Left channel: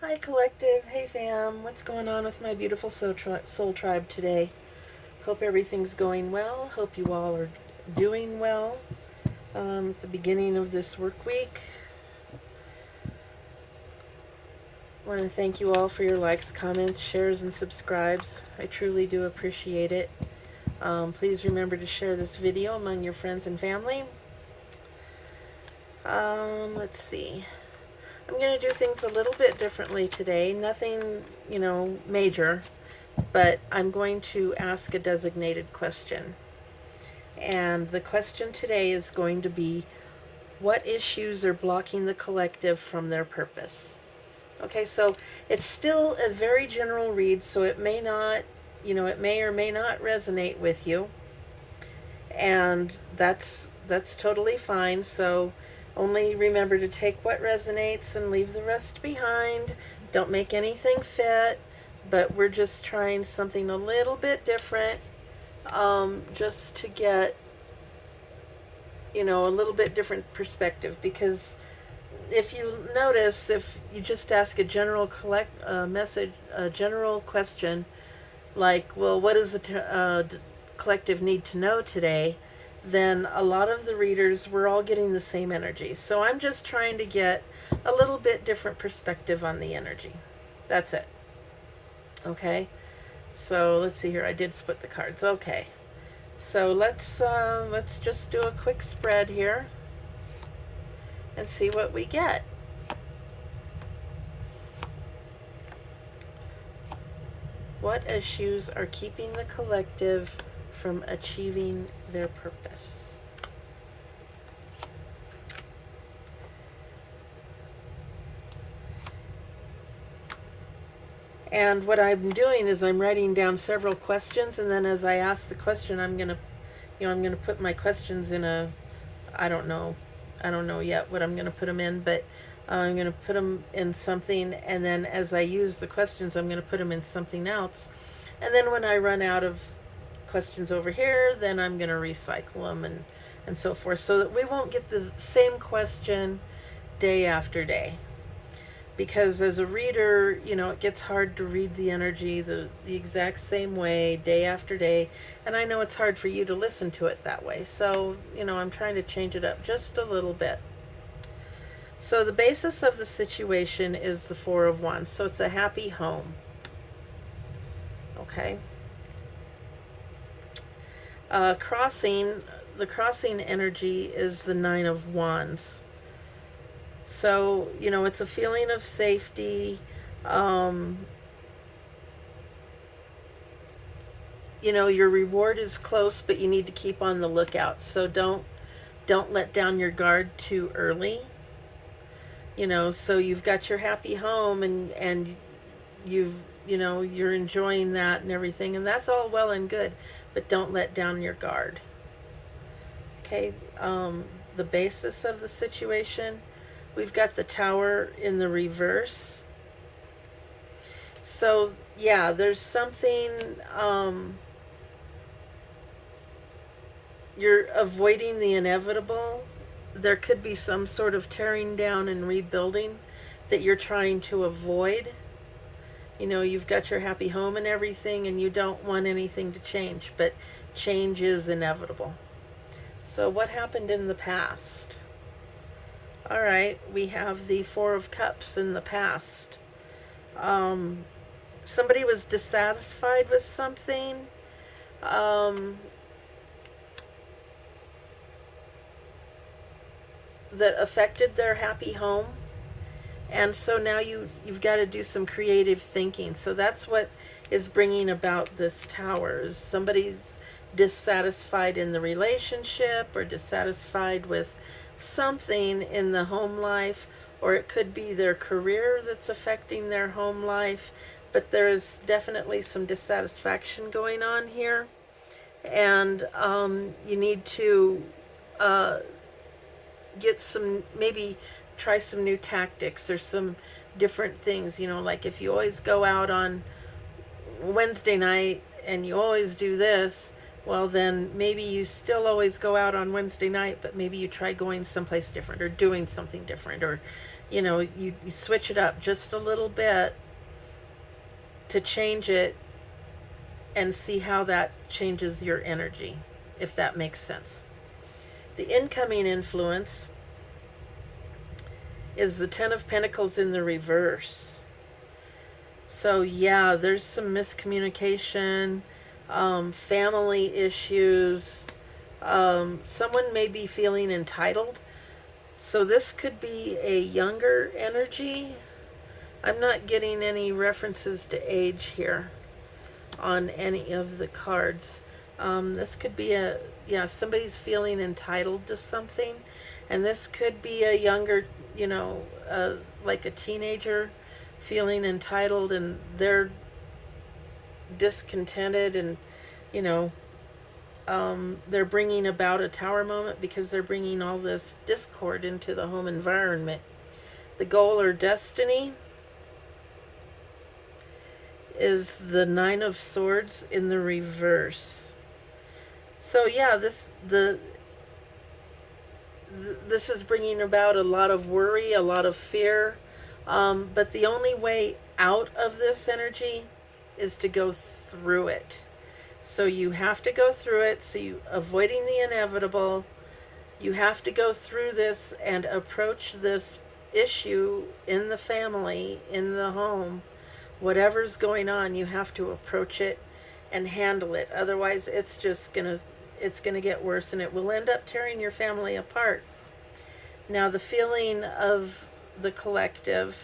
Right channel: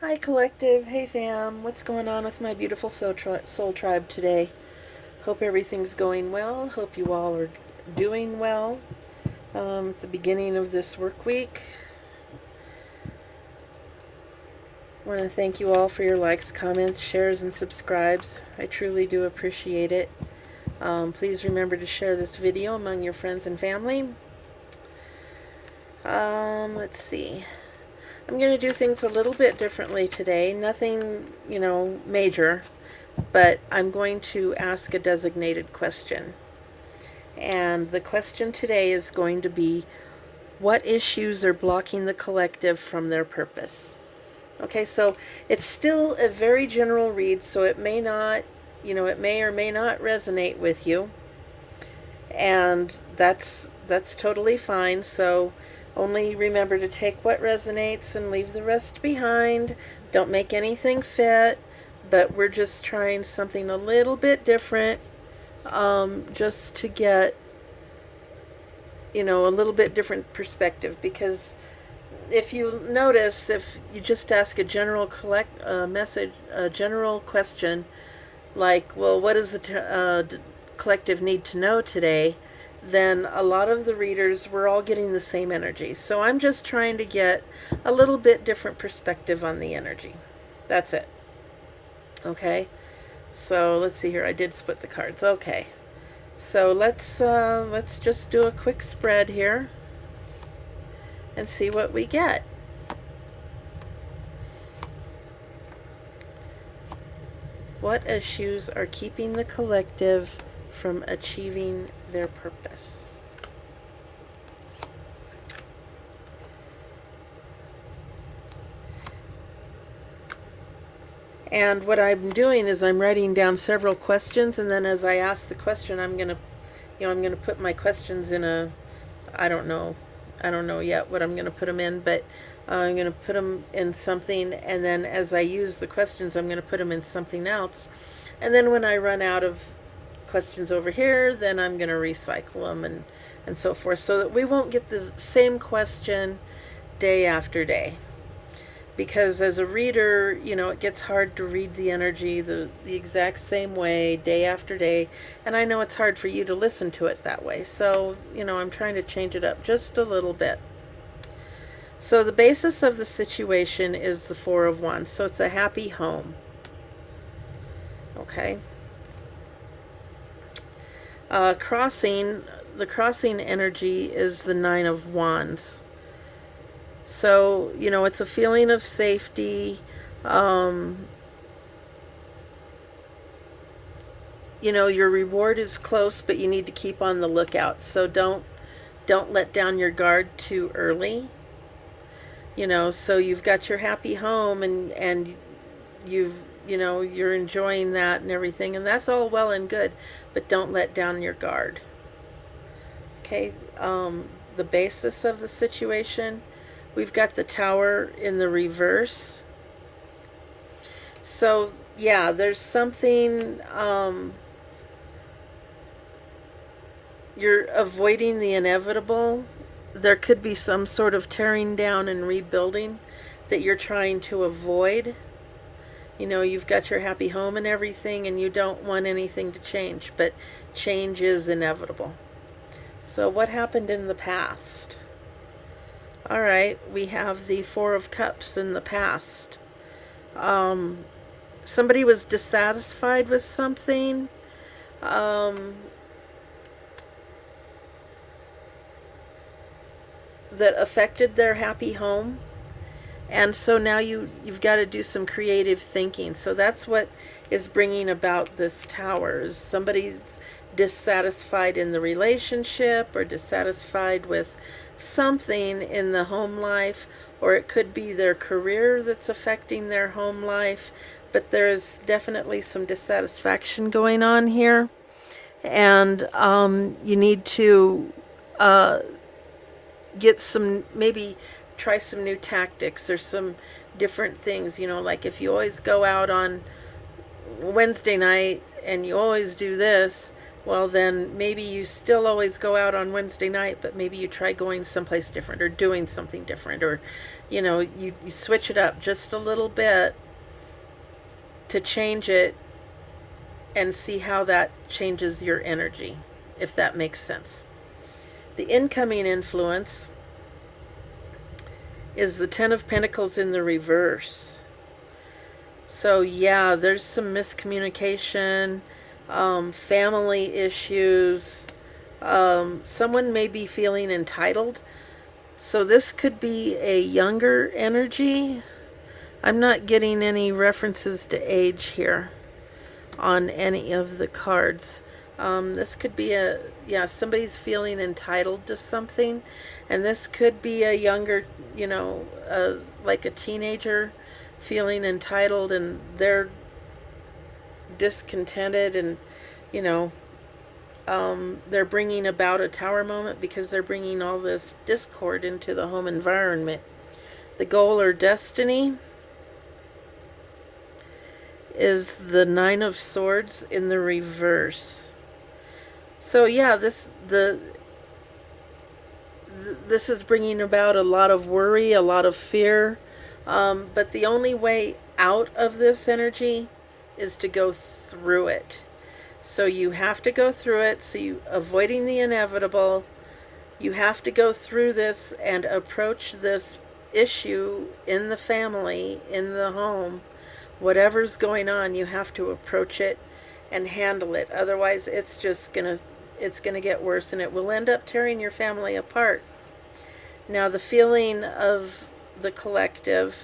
Hi, collective. Hey, fam. What's going on with my beautiful soul tribe today? Hope everything's going well. Hope you all are doing well at the beginning of this work week. I want to thank you all for your likes, comments, shares, and subscribes. I truly do appreciate it. Please remember to share this video among your friends and family. Let's see. I'm going to do things a little bit differently today. Nothing, major, but I'm going to ask a designated question. And the question today is going to be, what issues are blocking the collective from their purpose? Okay, so it's still a very general read, so it may not, it may or may not resonate with you. And that's totally fine. So only remember to take what resonates and leave the rest behind. Don't make anything fit, but we're just trying something a little bit different, just to get a little bit different perspective. Because if you notice, if you just ask a general a general question like, well, what does the collective need to know today, then a lot of the readers, we're all getting the same energy. So I'm just trying to get a little bit different perspective on the energy. That's it. Okay. So let's see here. I did split the cards. Okay. So let's just do a quick spread here and see what we get. What issues are keeping the collective from achieving their purpose? And what I'm doing is I'm writing down several questions, and then as I ask the question, I'm gonna put my questions in a, I don't know, yet what I'm gonna put them in, but I'm gonna put them in something, and then as I use the questions, I'm gonna put them in something else, and then when I run out of questions over here, then I'm gonna recycle them and so forth, so that we won't get the same question day after day. Because as a reader, it gets hard to read the energy the exact same way day after day. And I know it's hard for you to listen to it that way. So, I'm trying to change it up just a little bit. So the basis of the situation is the Four of Wands. So it's a happy home. Okay. The crossing energy is the Nine of Wands. So, it's a feeling of safety. Your reward is close, but you need to keep on the lookout. So don't let down your guard too early. So you've got your happy home, and you're enjoying that and everything, and that's all well and good, but don't let down your guard. Okay. The basis of the situation, we've got the Tower in the reverse. So yeah, there's something, you're avoiding the inevitable. There could be some sort of tearing down and rebuilding that you're trying to avoid. You've got your happy home and everything, and you don't want anything to change, but change is inevitable. So what happened in the past? All right, we have the Four of Cups in the past. Somebody was dissatisfied with something. That affected their happy home, and so now you've got to do some creative thinking. So that's what is bringing about this Tower. Is somebody's dissatisfied in the relationship, or dissatisfied with something in the home life, or it could be their career that's affecting their home life, but there is definitely some dissatisfaction going on here. And you need to get some, maybe try some new tactics or some different things. Like if you always go out on Wednesday night and you always do this, well, then maybe you still always go out on Wednesday night, but maybe you try going someplace different or doing something different, or you switch it up just a little bit to change it and see how that changes your energy, if that makes sense. The incoming influence is the Ten of Pentacles in the reverse. So yeah, there's some miscommunication, family issues. Someone may be feeling entitled. So this could be a younger energy. I'm not getting any references to age here on any of the cards. This could be somebody's feeling entitled to something, and this could be a younger, like a teenager feeling entitled, and they're discontented, and you know they're bringing about a tower moment because they're bringing all this discord into the home environment. The goal or destiny is the Nine of Swords in the reverse. So yeah, this is bringing about a lot of worry, a lot of fear, but the only way out of this energy is to go through it. So you have to go through it. So you avoiding the inevitable. You have to go through this and approach this issue in the family, in the home, whatever's going on. You have to approach it and handle it. Otherwise, it's gonna get worse, and it will end up tearing your family apart. Now, the feeling of the collective,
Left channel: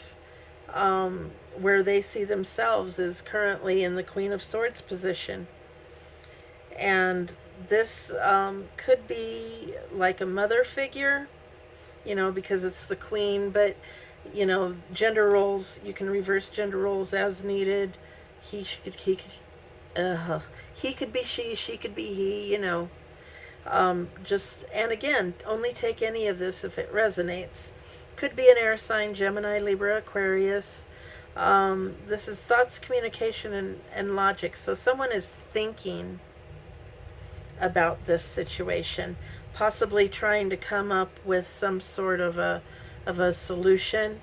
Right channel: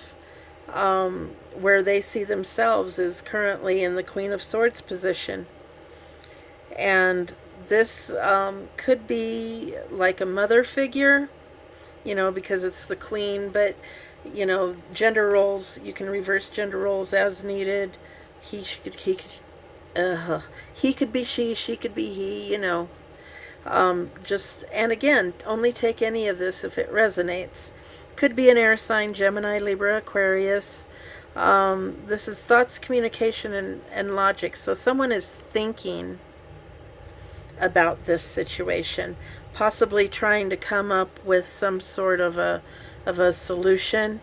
where they see themselves, is currently in the Queen of Swords position. And this could be like a mother figure, because it's the queen, but, gender roles, you can reverse gender roles as needed. He could be she could be he, and again, only take any of this if it resonates. Could be an air sign, Gemini, Libra, Aquarius. This is thoughts, communication, and logic. So someone is thinking about this situation, possibly trying to come up with some sort of a solution.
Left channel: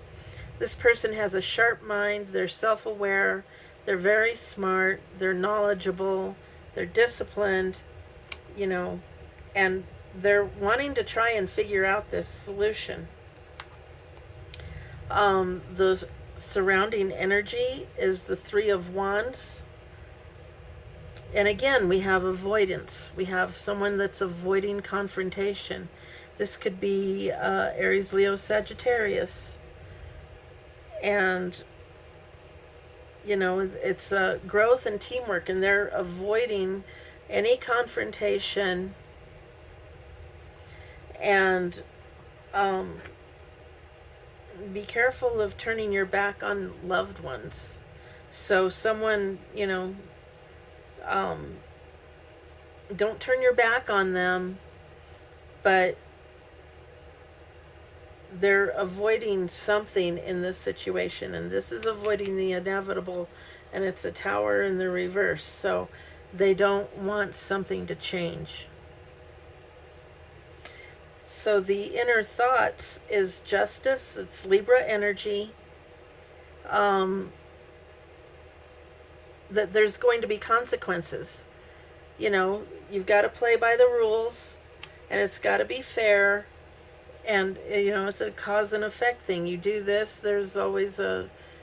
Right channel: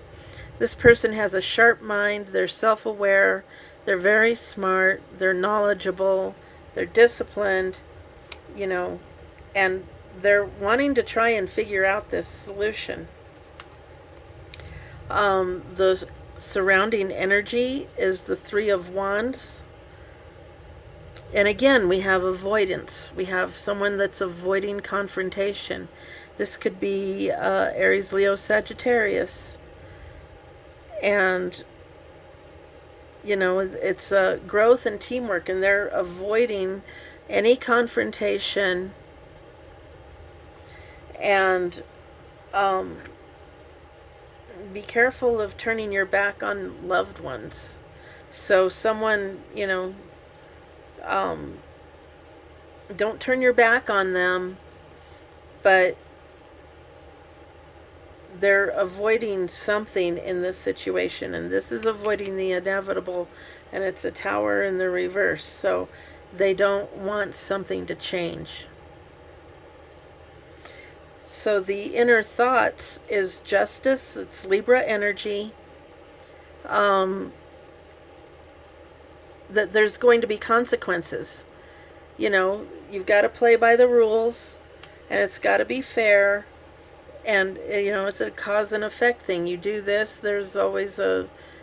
This person has a sharp mind, they're self-aware, they're very smart, they're knowledgeable, they're disciplined, and they're wanting to try and figure out this solution. The surrounding energy is the Three of Wands. And again, we have avoidance. We have someone that's avoiding confrontation. This could be Aries, Leo, Sagittarius. And, it's growth and teamwork, and they're avoiding any confrontation. And be careful of turning your back on loved ones. So someone, don't turn your back on them, but they're avoiding something in this situation, and this is avoiding the inevitable, and it's a Tower in the reverse, so they don't want something to change. So the inner thoughts is justice. It's Libra energy. That there's going to be consequences. You've got to play by the rules, and it's got to be fair. And, it's a cause and effect thing. You do this, there's always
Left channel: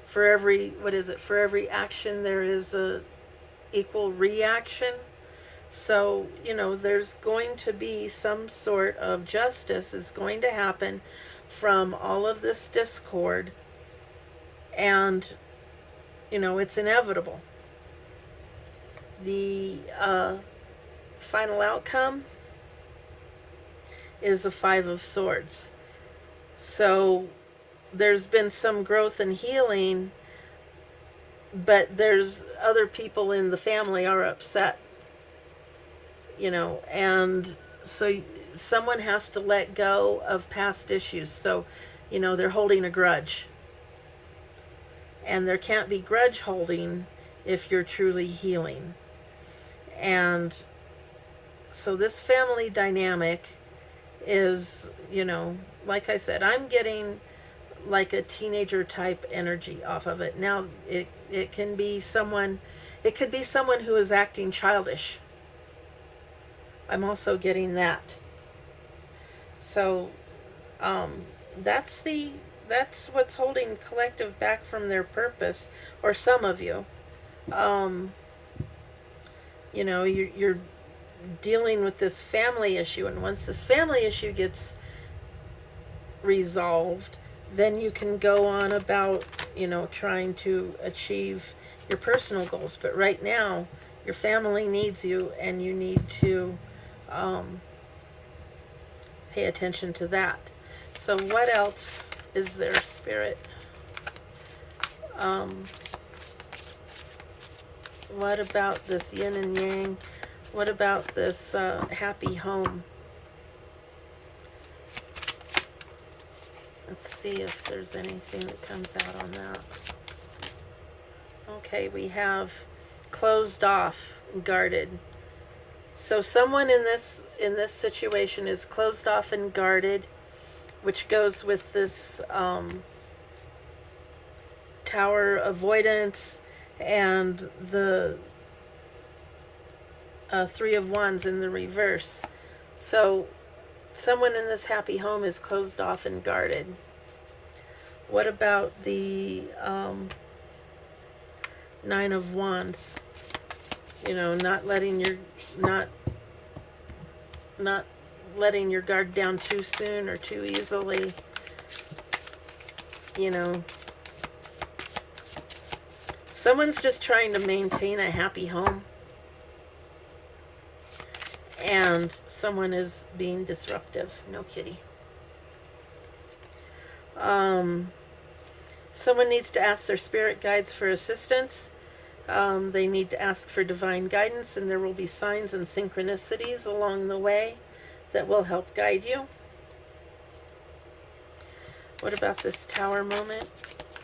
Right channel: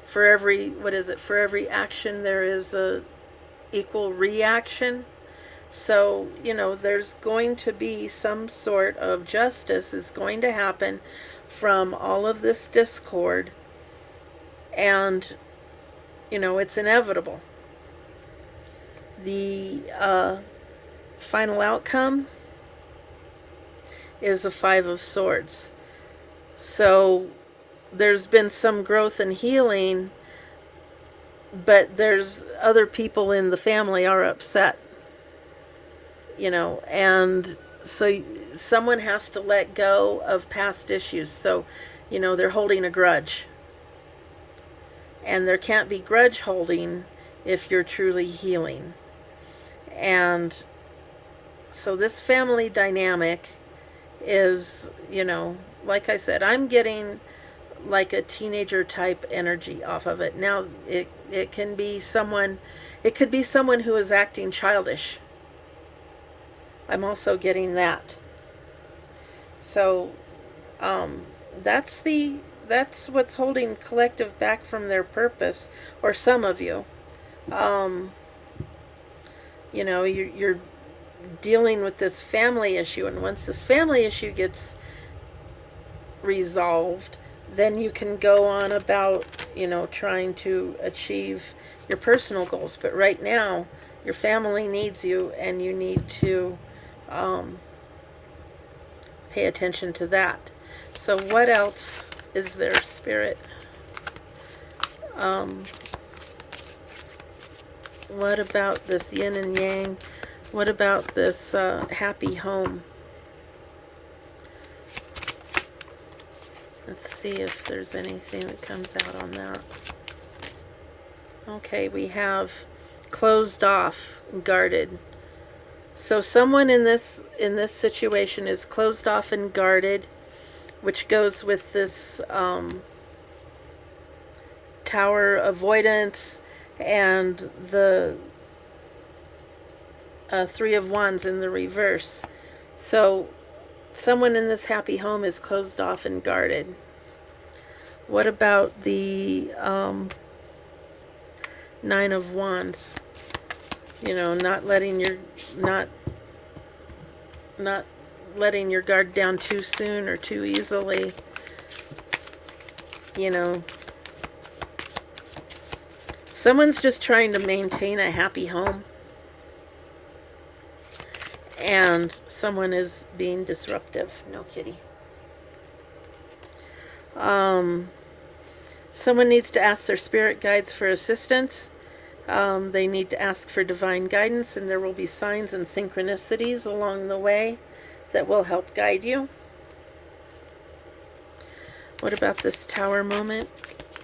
for every action, there is a equal reaction. So, there's going to be some sort of justice is going to happen from all of this discord. And, it's inevitable. The final outcome is a Five of Swords. So there's been some growth and healing, but there's other people in the family are upset, and so someone has to let go of past issues. So, they're holding a grudge. And there can't be grudge holding if you're truly healing. And so this family dynamic is, like I said, I'm getting like a teenager type energy off of it. Now it can be someone, it could be someone who is acting childish. I'm also getting that. So um, that's the that's what's holding collective back from their purpose, or some of you. Um, you're dealing with this family issue, and once this family issue gets resolved, then you can go on about, trying to achieve your personal goals. But right now, your family needs you, and you need to um, pay attention to that. So what else is there, Spirit? Um, what about this yin and yang? What about this happy home? Let's see if there's anything that comes out on that. Okay, we have closed off, guarded. So someone in this situation is closed off and guarded, which goes with this tower avoidance and the Three of Wands in the reverse. So someone in this happy home is closed off and guarded. What about the Nine of Wands? Not letting your guard down too soon or too easily. Someone's just trying to maintain a happy home, and someone is being disruptive. No kitty. Someone needs to ask their spirit guides for assistance. They need to ask for divine guidance, and there will be signs and synchronicities along the way that will help guide you. What about this tower moment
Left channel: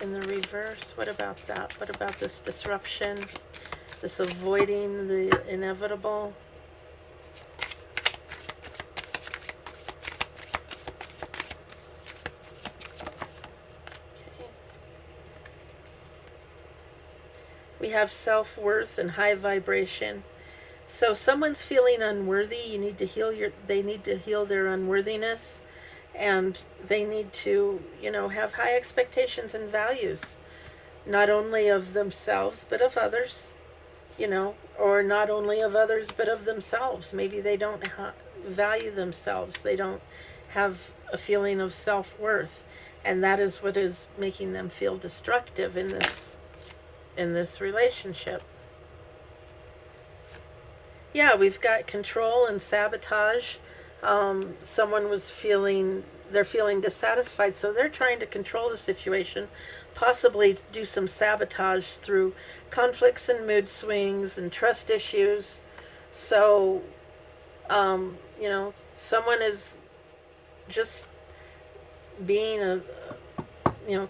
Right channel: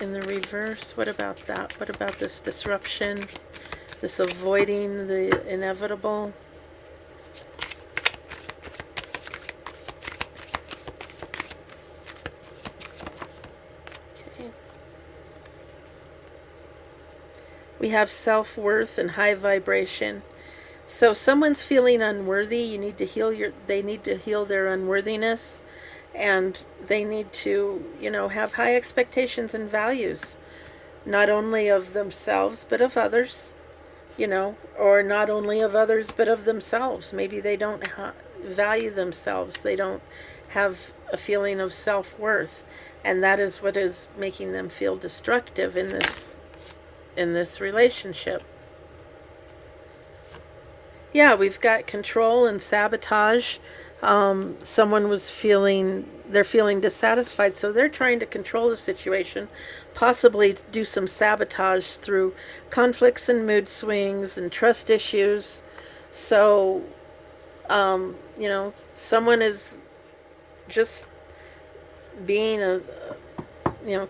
in the reverse? What about that? What about this disruption? This avoiding the inevitable? Okay. We have self-worth and high vibration. So someone's feeling unworthy. They need to heal their unworthiness. And they need to, have high expectations and values, not only of themselves, but of others, or not only of others, but of themselves. Maybe they don't value themselves. They don't have a feeling of self-worth. And that is what is making them feel destructive in this relationship. Yeah, we've got control and sabotage. Someone they're feeling dissatisfied, so they're trying to control the situation, possibly do some sabotage through conflicts and mood swings and trust issues. So, someone is just being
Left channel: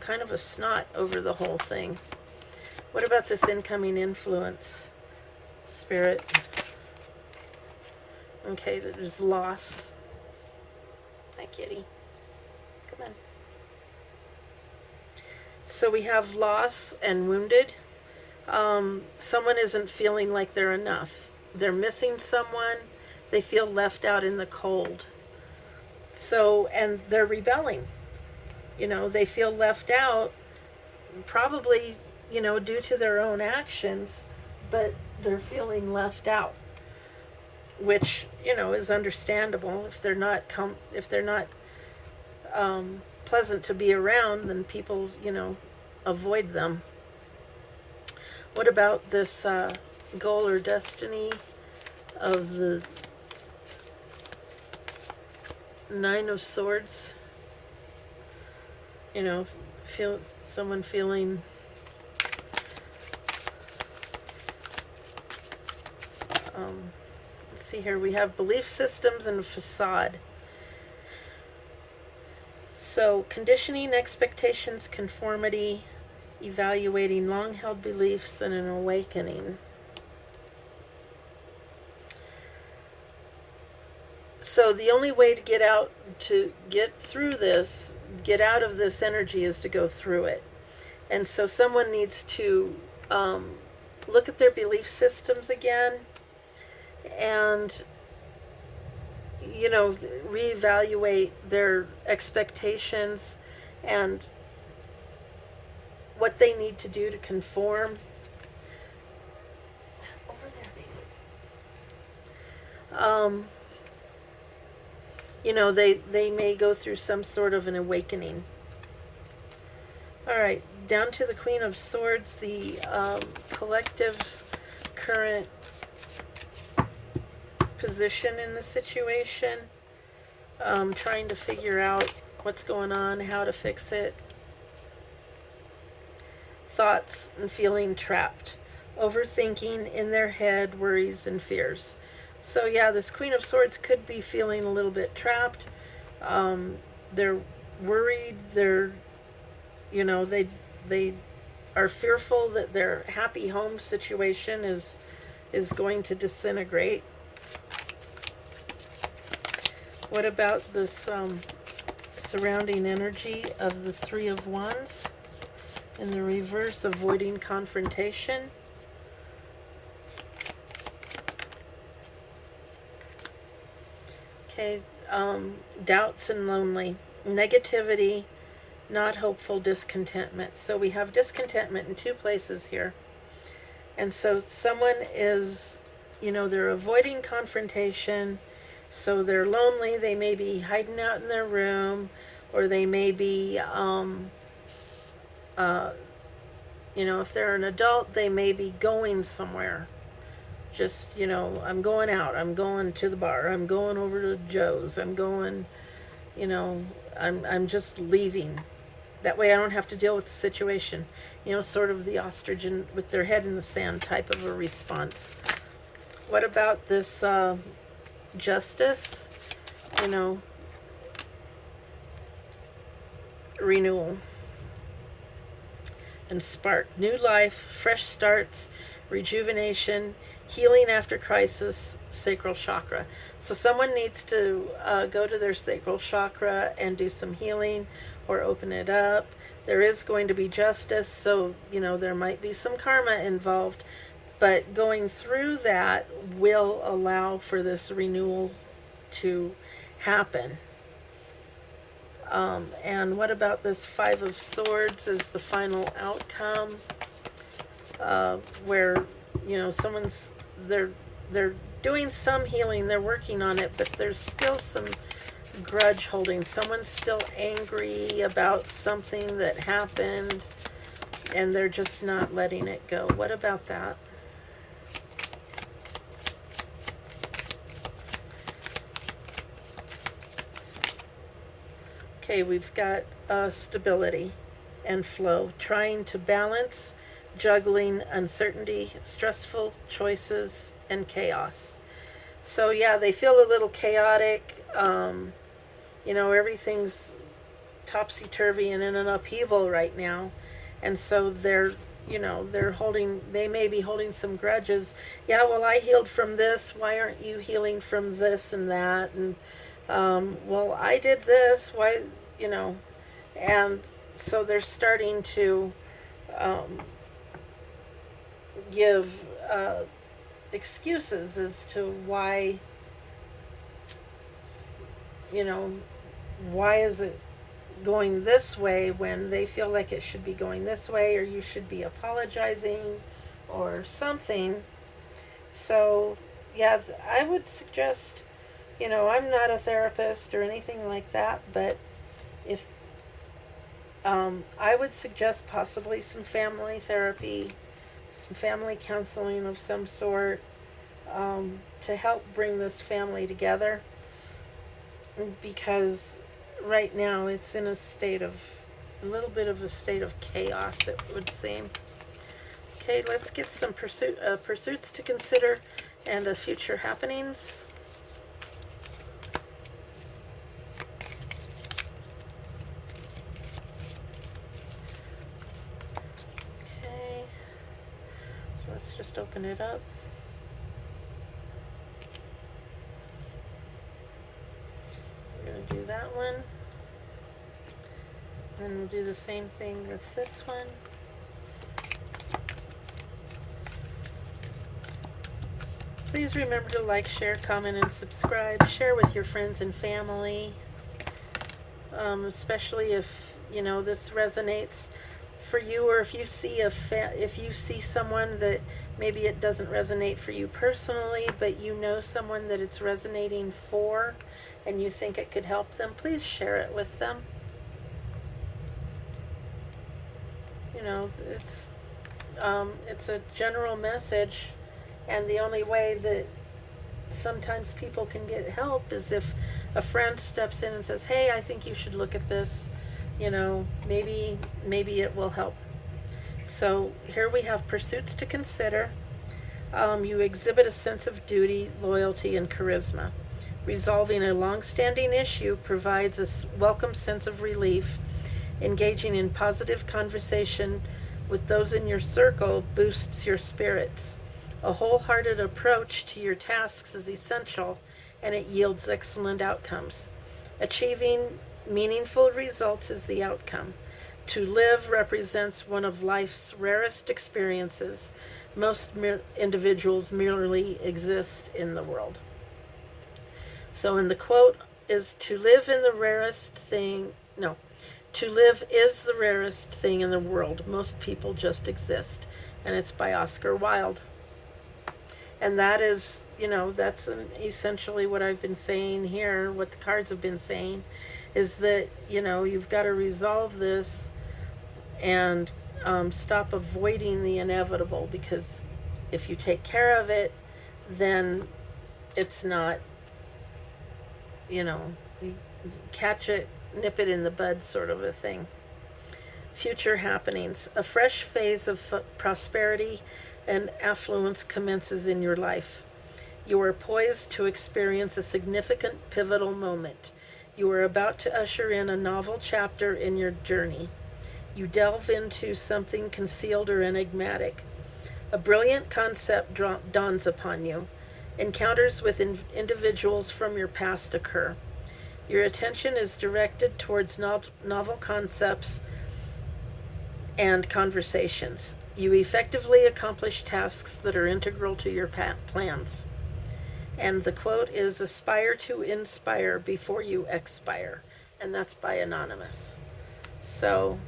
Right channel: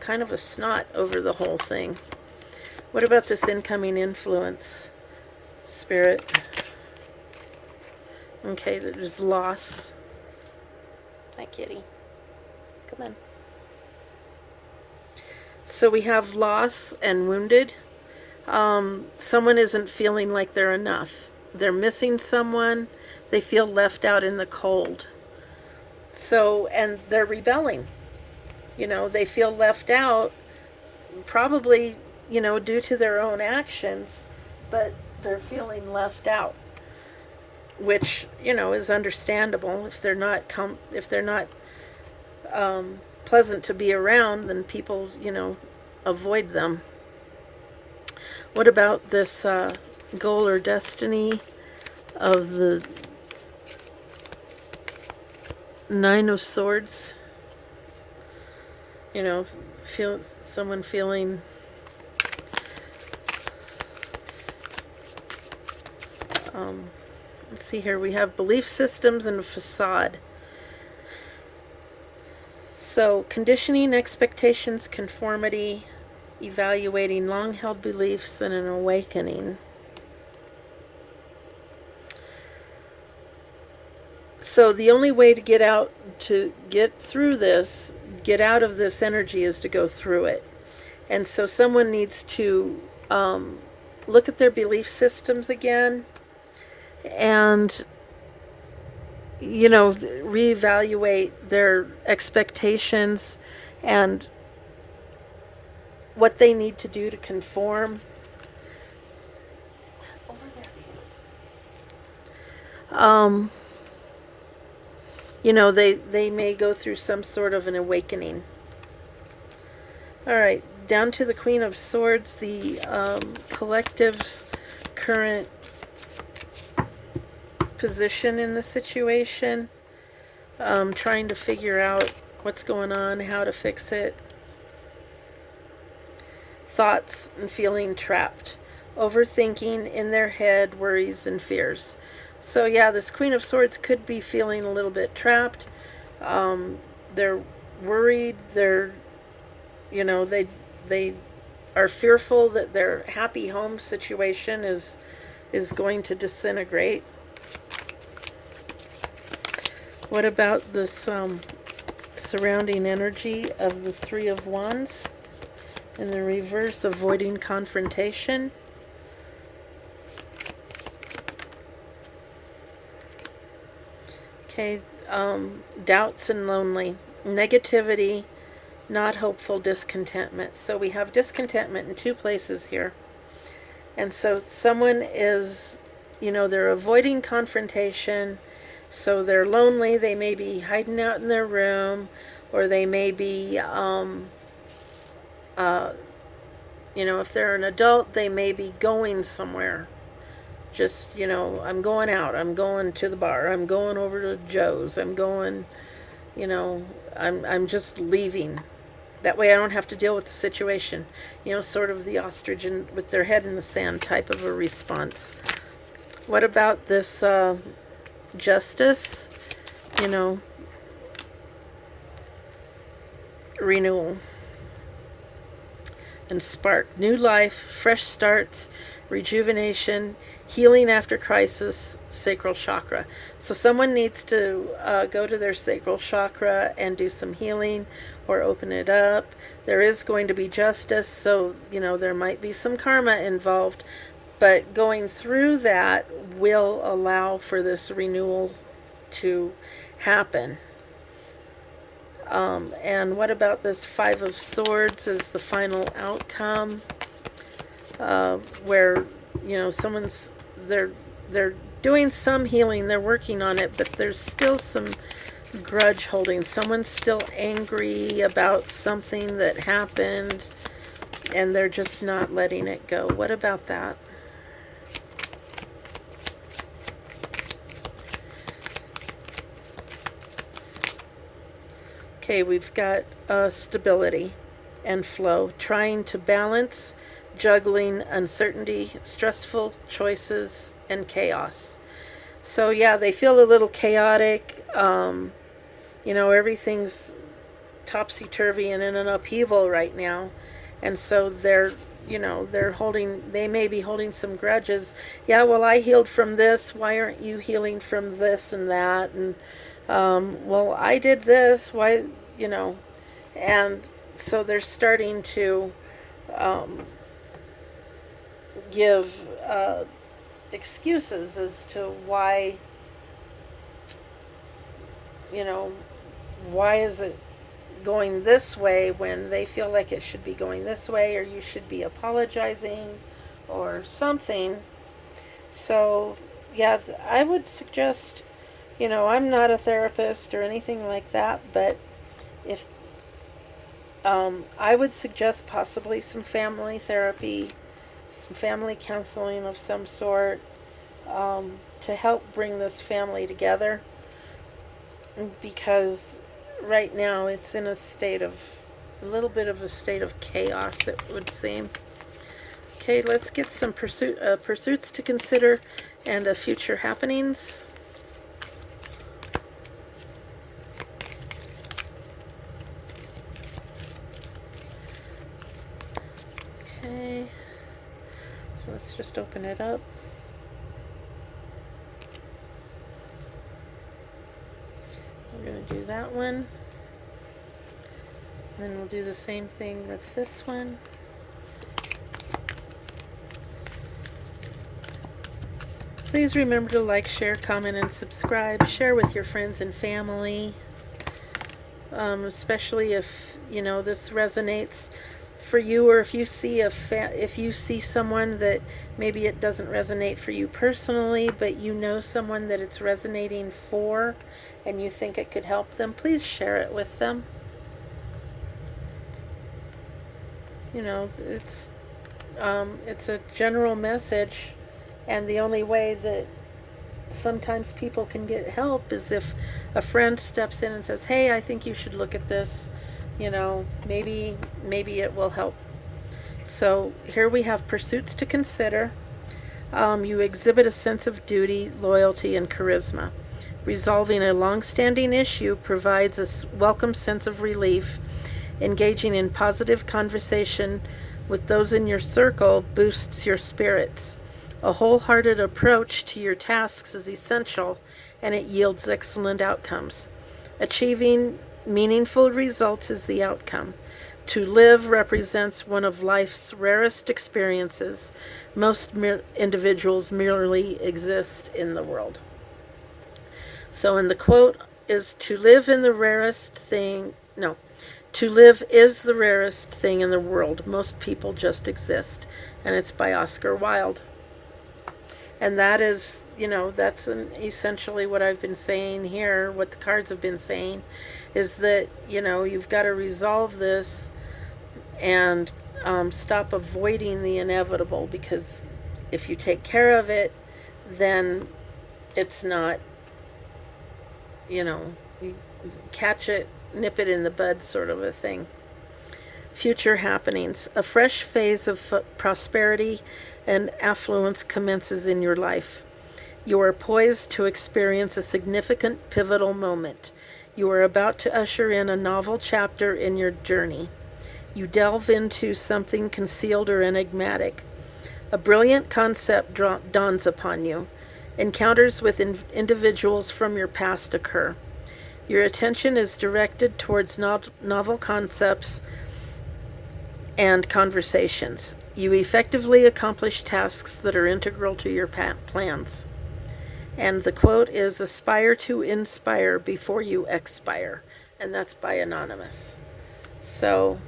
kind of a snot over the whole thing. What about this incoming influence, Spirit? Okay, there's loss. Hi, kitty. Come on. So we have loss and wounded. Someone isn't feeling like they're enough. They're missing someone. They feel left out in the cold. So, and they're rebelling. They feel left out, probably, due to their own actions, but they're feeling left out, which is understandable. If they're not pleasant to be around, then people avoid them. What about this goal or destiny of the Nine of Swords? Someone feeling let's see here, we have belief systems and a facade. So conditioning, expectations, conformity, evaluating long-held beliefs, and an awakening. So the only way to get through this, get out of this energy is to go through it. And so someone needs to look at their belief systems again and, reevaluate their expectations and what they need to do to conform. Over there, baby. They may go through some sort of an awakening. All right, down to the Queen of Swords, the collective's current position in the situation, trying to figure out what's going on, how to fix it. Thoughts and feeling trapped, overthinking in their head, worries and fears. So yeah, this Queen of Swords could be feeling a little bit trapped. They're worried. They're, they are fearful that their happy home situation is going to disintegrate. What about this surrounding energy of the Three of Wands? In the reverse, avoiding confrontation. Okay, doubts and lonely. Negativity, not hopeful, discontentment. So we have discontentment in two places here. And so someone is, they're avoiding confrontation. So they're lonely. They may be hiding out in their room, or they may be, if they're an adult, they may be going somewhere. Just, I'm going out. I'm going to the bar. I'm going over to Joe's. I'm going, I'm just leaving. That way I don't have to deal with the situation. Sort of the ostrich with their head in the sand type of a response. What about this justice? Renewal and spark. New life, fresh starts, rejuvenation, healing after crisis, sacral chakra. So someone needs to go to their sacral chakra and do some healing or open it up. There is going to be justice, so there might be some karma involved, but going through that will allow for this renewal to happen. And what about this Five of Swords as the final outcome, where someone's they're doing some healing, they're working on it, but there's still some grudge holding. Someone's still angry about something that happened, and they're just not letting it go. What about that? Okay, we've got stability and flow, trying to balance, juggling uncertainty, stressful choices, and chaos. So yeah, they feel a little chaotic. Everything's topsy-turvy and in an upheaval right now. And so they may be holding some grudges. Yeah, well, I healed from this. Why aren't you healing from this and that? And well, I did this, why, and so they're starting to give excuses as to why, why is it going this way when they feel like it should be going this way, or you should be apologizing or something. So yeah, I would suggest, I'm not a therapist or anything like that, but if I would suggest possibly some family therapy, some family counseling of some sort, to help bring this family together, because right now it's in a little bit of a state of chaos, it would seem. Okay, let's get some pursuits to consider and future happenings. Okay, so let's just open it up. We're going to do that one. And we'll do the same thing with this one. Please remember to like, share, comment, and subscribe. Share with your friends and family, especially if this resonates for you, or if you see if you see someone that maybe it doesn't resonate for you personally, but you know someone that it's resonating for, and you think it could help them. Please share it with them. It's a general message, and the only way that sometimes people can get help is if a friend steps in and says, hey, I think you should look at this. Maybe it will help. So here we have pursuits to consider. You exhibit a sense of duty, loyalty, and charisma. Resolving a long-standing issue provides a welcome sense of relief. Engaging in positive conversation with those in your circle boosts your spirits. A wholehearted approach to your tasks is essential, and it yields excellent outcomes. Achieving meaningful results is the outcome. To live represents one of life's rarest experiences. Most individuals merely exist in the world. So in the quote is, to live is the rarest thing in the world. Most people just exist. And it's by Oscar Wilde. And that is, that's essentially what I've been saying here, what the cards have been saying, is that, you've got to resolve this and stop avoiding the inevitable, because if you take care of it, then it's not, catch it, nip it in the bud sort of a thing. Future happenings. A fresh phase of prosperity and affluence commences in your life. You are poised to experience a significant pivotal moment. You are about to usher in a novel chapter in your journey. You delve into something concealed or enigmatic. A brilliant concept dawns upon you. Encounters with individuals from your past occur. Your attention is directed towards novel concepts and conversations. You effectively accomplish tasks that are integral to your plans. And the quote is, aspire to inspire before you expire. And that's by Anonymous. So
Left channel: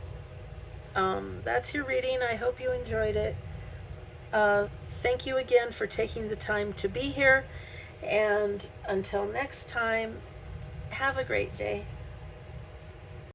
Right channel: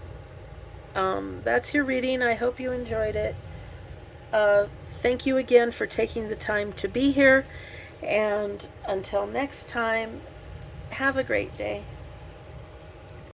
that's your reading. I hope you enjoyed it. Thank you again for taking the time to be here. And until next time, have a great day.